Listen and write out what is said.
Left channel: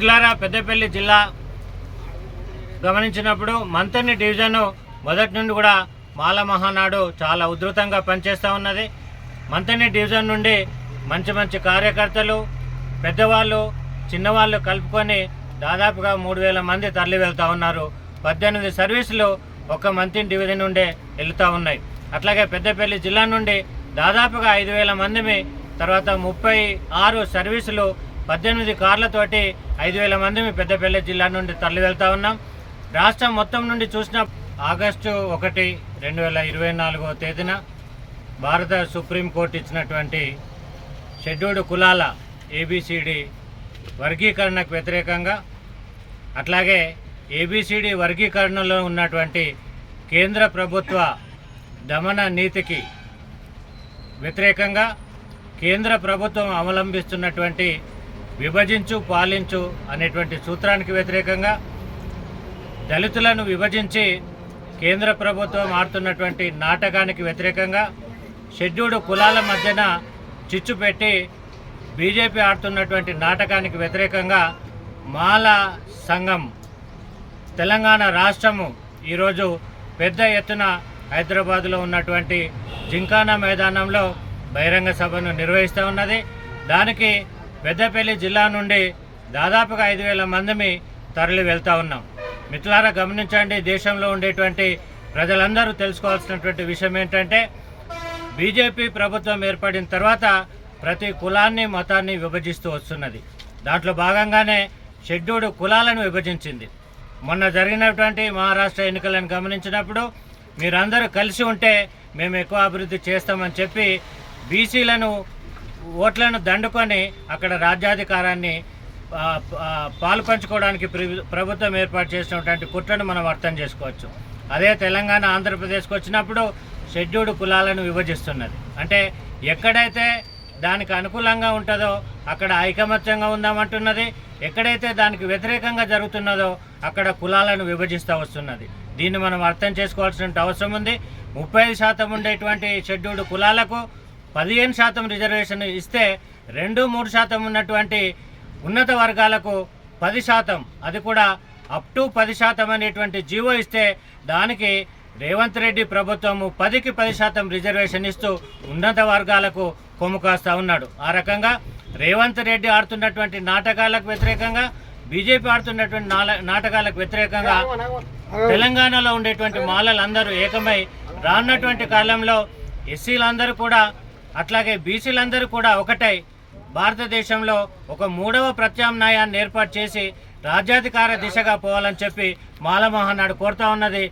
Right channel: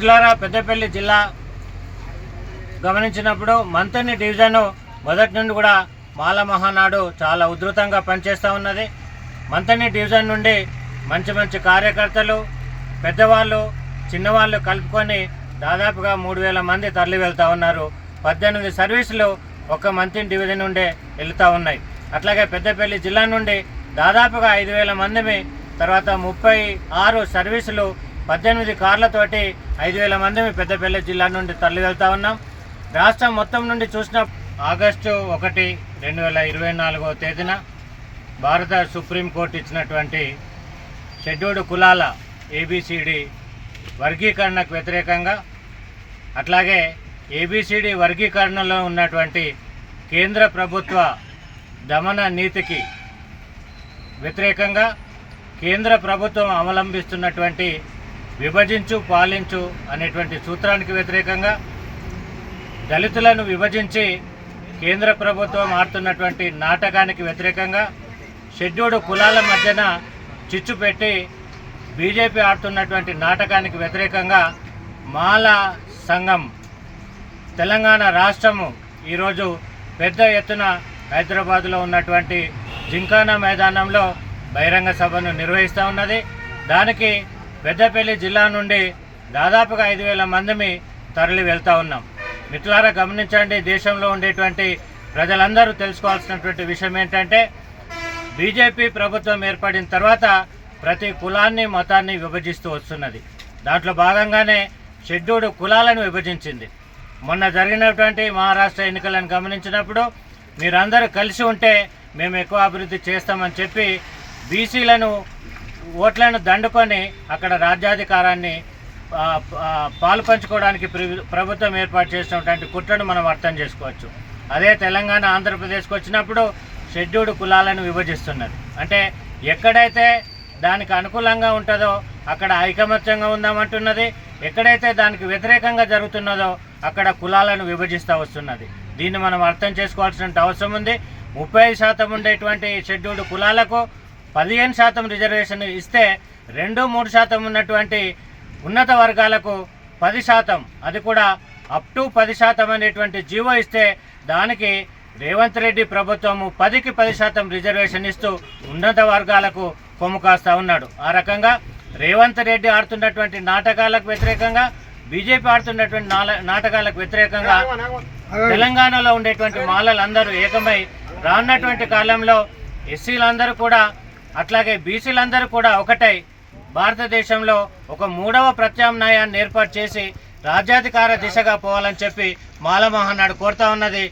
మిట్లారా పెద్దపల్లి జిల్లా గమనించినప్పుడు మంతని డివిజన్ మొదటి నుండి కూడా మాల మహానాడు చాలా ఉధృతంగా పనిచేస్తూ ఉన్నది. మంతని డివిజన్ నుండి మంచి మంచి కార్యకర్తలు పెద్దవాళ్ళు చిన్నవాళ్ళు కలుపుకొని దాదాపుగా మూడు వేల మంది తరలి వెళ్తూ ఉన్నారు. పద్దెనిమిది సర్వీసులు ఒక మంత్రి డివిజన్ నుండే వెళుతూ ఉన్నాయి. అట్లాగే పెద్దపల్లి జిల్లా నుండి దాదాపుగా ఐదు వేల మందిమి తర్వాత ముప్పై ఆరు సర్వీసులు పద్దెనిమిది కార్లతోటి ఐదు వేల మందిమి పెద్దపల్లి జిల్లా నుండి తరలి వెళ్తా ఉన్నాం. రాష్ట్రం మొత్తం నుండి చూసిన ఆగస్టు ఒకటి రెండు వేల ఇరవై నాలుగో తేదీన భారత సుప్రీంకోర్టు ఇచ్చినటువంటి షెడ్యూల్డ్ కులాల ఏబిసిడి వర్గీకరణకు వ్యతిరేకంగా అట్లాగే ఏబిసిడి వర్గీకరణలో ఉన్నటువంటి కేంద్ర ప్రభుత్వ దమన నీతికి వ్యతిరేకంగా కేంద్ర ప్రభుత్వం అవలంబిస్తున్నటువంటి విభజించు పాలించు అనేటువంటి సూత్రానికి వ్యతిరేకంగా దళితులను విభజించి కేంద్ర ప్రభుత్వం ఆడుతున్నటువంటి నాటకానికి వ్యతిరేకంగా షెడ్యూల్డ్ కులాల మధ్యన చిచ్చు పెట్టి బీజేపీ ఆడుతున్నటువంటి నాటకానికి వ్యతిరేకంగా మాల సంఘం తెలంగాణ రాష్ట్రము ఈరోజు పెద్ద ఎత్తున హైదరాబాదులో ఉన్నటువంటి జింకానా మైదానంలో బహిరంగ సభను నిర్వహిస్తూ ఉన్నది. దానికి పెద్దపల్లి జిల్లా నుండి దాదాపుగా ఐదు వేల మందిని తరలి వెళ్తూ ఉన్నాం. మిత్రులారా గమనించండి దేశంలో ఉండేటువంటి ప్రజలందరూ తెలుసుకోవాల్సినటువంటి విషయం ఏంటంటే బీజేపీ ప్రభుత్వం ఏర్పడిన తర్వాత ప్రతి కులాన్ని మతాన్ని విభజిస్తూ వస్తున్నది. దాంట్లో భాగంగానే షెడ్యూల్డ్ కులాలను విభజించింది. మొన్న జరిగినటువంటి మహారాష్ట్ర ఎన్నికలను గమనించినప్పుడు మీరందరూ కలిసి ఉంటే మేము ఎక్కువ అభివృద్ధి చేస్తామని చెప్పి బీసీలను ఓట్లను దండుకొని అక్కడ రాజ్యాధికారాన్ని పాలు పంచుకోవడానికి ప్రభుత్వం ఏర్పాటు చేసినటువంటి కుట్రను మనం అర్థం చేసుకోవచ్చు. అదే తెలంగాణ ఆంధ్రప్రదేశ్కి వచ్చినప్పుడు షెడ్యూల్డ్ కులాలను విభజిస్తున్నది. అంటే ఎక్కడైతే దానికి అనుకూలంగా ఉంటుందో అక్కడ ఐకమత్యంగా ఉందామంటున్నది ఎక్కడైతే దానికి వ్యతిరేకంగా జరుగుతున్నదో అక్కడ కులాలను విభజిస్తూ వస్తున్నది. దీన్ని మనం అర్థం చేసుకోవాల్సిన అవసరం ఉంది. ముప్పై శాతం ఉండేటువంటి షెడ్యూల్డ్ కులాలకు పదిహేను శాతం రిజర్వేషన్ ఇస్తే రెండు మూడు శాతం ఉన్నటువంటి ఉన్నత వర్గాలకు పది శాతం. అది కూడా అప్ టు పది శాతం అనేటువంటి జీవో ఇస్తే దానికి రేవంత్ రెడ్డి ప్రభుత్వము పదికి పది శాతం రిజర్వేషన్ ఇస్తూ ఉన్నత వర్గాలకు కొమ్ము కాస్తా ఉన్నాడు. ఆ రకంగా రేవంత్ రెడ్డి ఆడుతున్నటువంటి నాటకాలకు వ్యతిరేకంగా బీజేపీ ఆడుతున్నటువంటి నాటకాలకు వ్యతిరేకంగా తెలంగాణలో ఉండేటువంటి మాలలందరూ ఏకమై రానున్నటువంటి కాలంలో ఎస్సీలందరూ కూడా అట్లాగే బీసీలందరూ కూడా ఒకటై భారతదేశంలో ఒక మూడవ ప్రత్యామ్నాయాన్ని ఏర్పాటు చేసి రాజ్యాధికార దిశగా పోవాలని చెప్పి మాల నాడు కోరుతా ఉన్నది.